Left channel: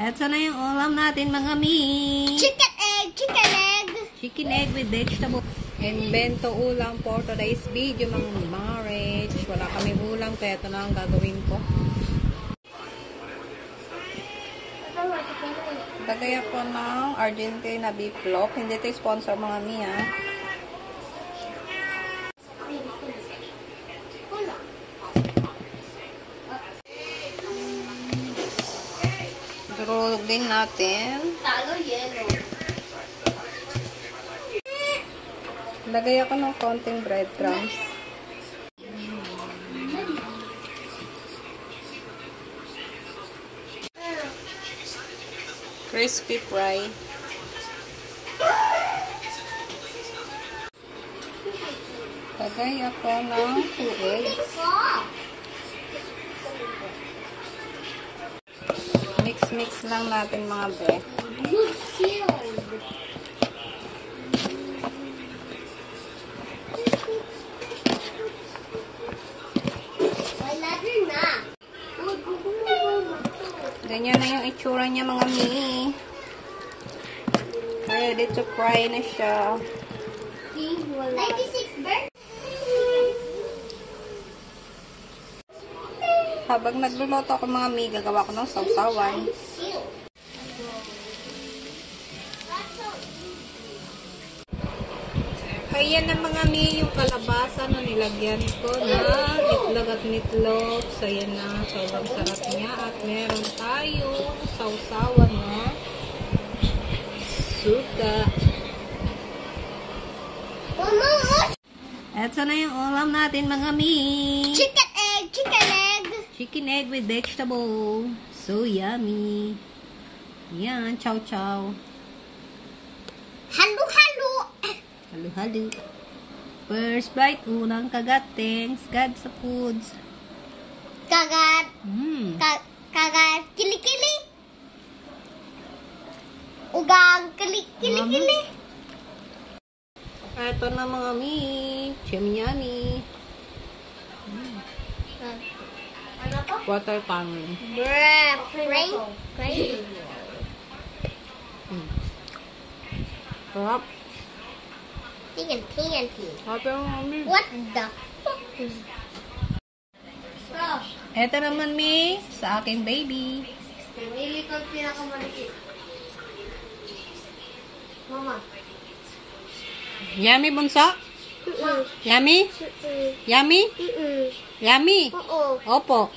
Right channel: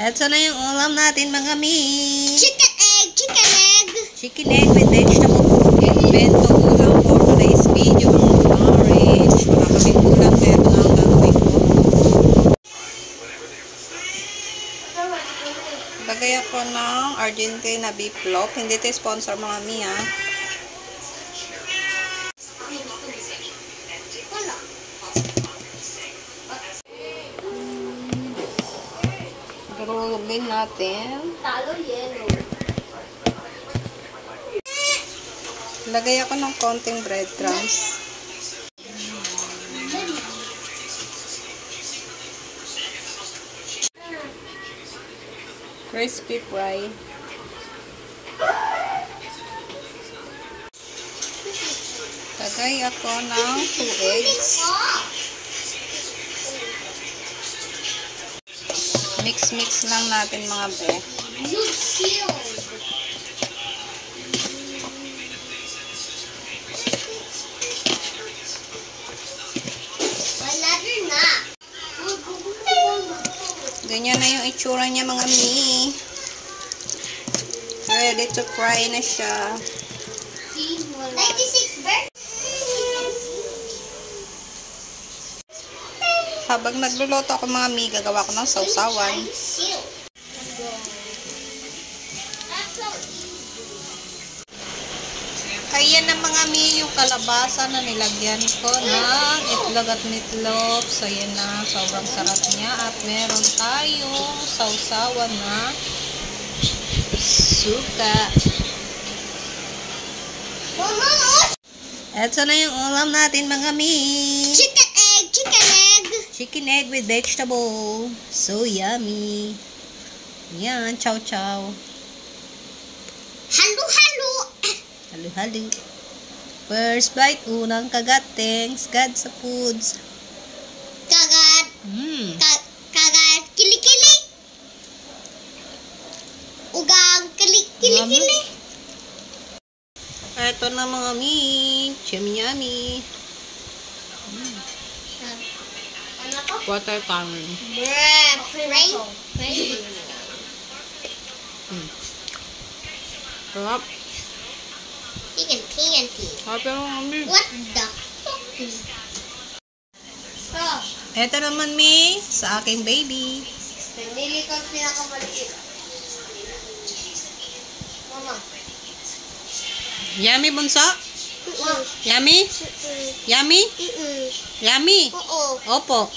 Eto na yung ulam natin mga mi. Chicken egg. Chicken egg with vegetable. Bento ulam for today's video mga orange. Wala kaming ulam kaya ito na ang gagawin ko. Lagay ako ng Argentina beef loaf. Hindi ito sponsor mga mi ha. Durulog din natin. Talo yellow. Lagay ako ng konting breadcrumbs. Crispy fry. Lagay ako ng 2 eggs. Mix lang natin mga be. Ganyan na yung itsura niya mga mi. Ready to fry na siya. 96 bird. Habang nagluluto ako mga mi, gagawa ko ng sausawan. Ayan na mga mi, yung kalabasa na nilagyan ko ng itlog at meatloaf. So, ayan na. Sobrang sarap niya. At meron tayong sausawan na suka. Eto na yung ulam natin mga mi. Chicken egg. Chicken egg with vegetable. So yummy. Yan, chow. Halo. First bite, unang kagat. Thanks God sa foods. Kagat. Kagat. Kili. Ugang. Kili. Ito na mga mi. Yummy. Ano to? Watermelon. Fry. Sarap. Chicken. Sarap yung mga mi. What the fuck is that? Ito naman mi, sa aking baby. Nili ko ang pinakamaliit. Mama. Yummy bunso? Yummy? Yummy? Mm-mm. Yummy? Oo. Opo.